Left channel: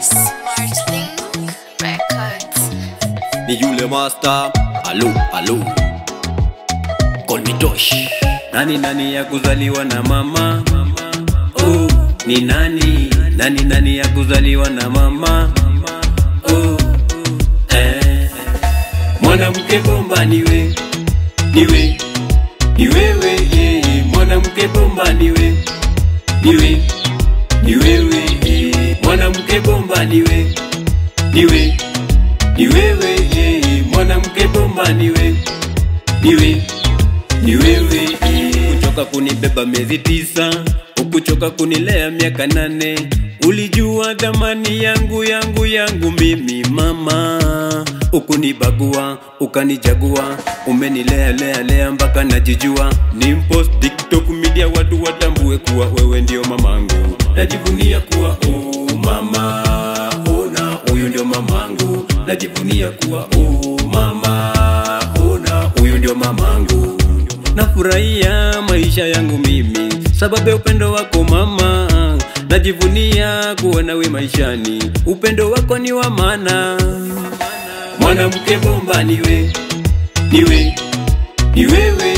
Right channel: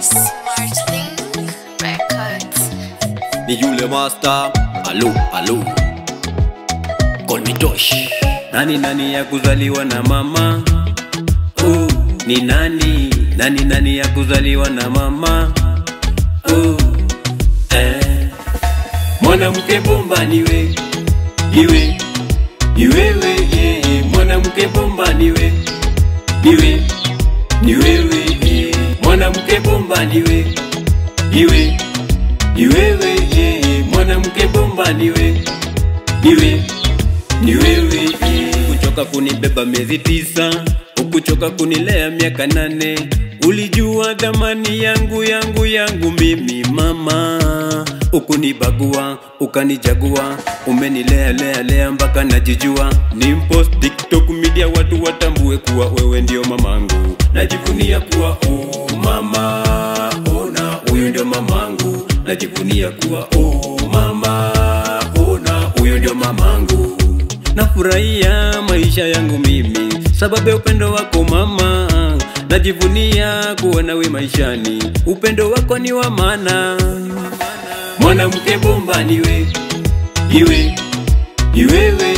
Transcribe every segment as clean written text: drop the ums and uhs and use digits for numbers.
SmartLink Records. Ni yule master, alo, alo. Call me Tosh. Nani ya kuzaliwa na mama? Oh, ni nani? Nani ya kuzaliwa na mama? Oh, mwanamke bomba niwe, niwe, niwewe, mwanamke bomba niwe, niwe, niwewe, mwanamke bomba niwe, niwe, niwewe, mwanamke bomba niwe, niwe, niwewe. Kuchoka kunibeba miezi 9, ukuchoka kunilea miaka 8. Ulijua dhamani yangu mimi mama. Ukunibagua, ukanijagua, umenilea mpaka najijua. Nimpost TikTok media watu watambue kuwa wewe ndio mamangu. Najivunia kuwa mama, ona huyu ndio mamangu. Najivunia kuwa mama, ona huyu ndio mamangu. Nafurahia maisha yangu mimi sababu ya upendo wako mama. Najivunia kuwa nawe maishani, upendo wako ni wa maana. Mwanamke bomba niwe, niwe, niwewe,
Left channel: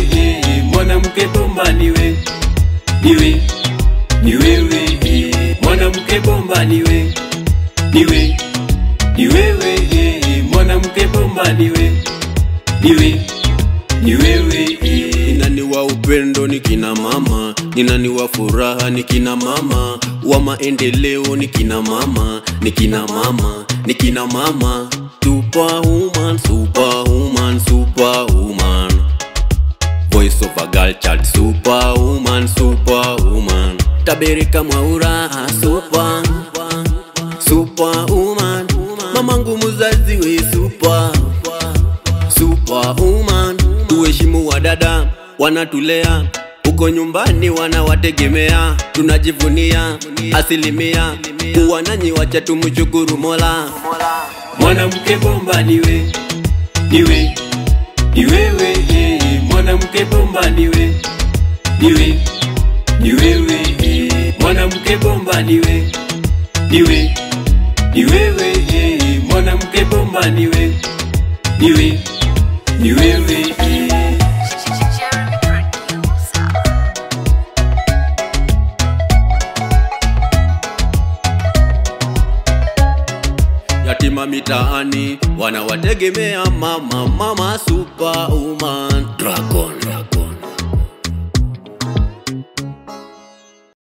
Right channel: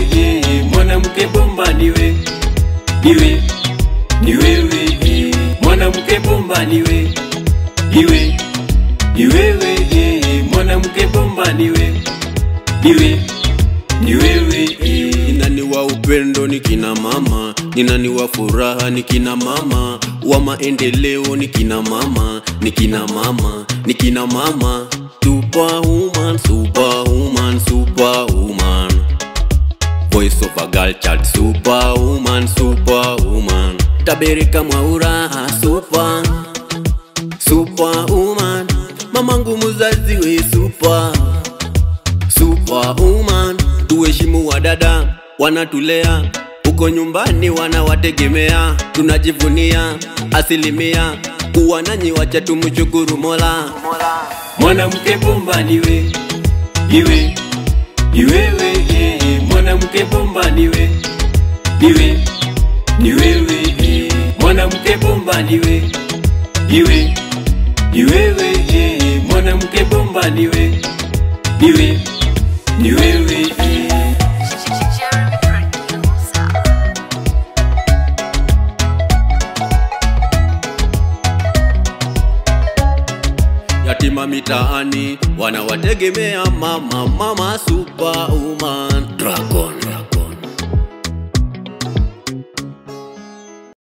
mwanamke bomba niwe, niwe, niwewe, mwanamke bomba niwe, niwe, niwewe, mwanamke bomba niwe, niwe, niwewe. Nani wa upendo ni kina mama, ni nani wa furaha ni kina mama, wa maendeleo ni kina mama, ni kina mama, ni kina mama. Superwoman, superwoman, superwoman. Voice of a girl child, superwoman, superwoman. Tabereka Mwaura, super, superwoman. Mamangu muzazi we super, superwoman. Tuheshimu wadada, wanatulea, uko nyumbani wanawategemea. Tunajivunia asilimia, kuwa nanyi wacha tumshukuru Mola. Mwanamke bomba niwe, niwe, niwewe, mwanamke bomba niwe, niwe, niwewe, mwanamke bomba niwe, niwe, niwewe, mwanamke bomba niwe, niwe, niwewe. Yatima mitaani wanawategemea mama, mama superwoman. Dragon.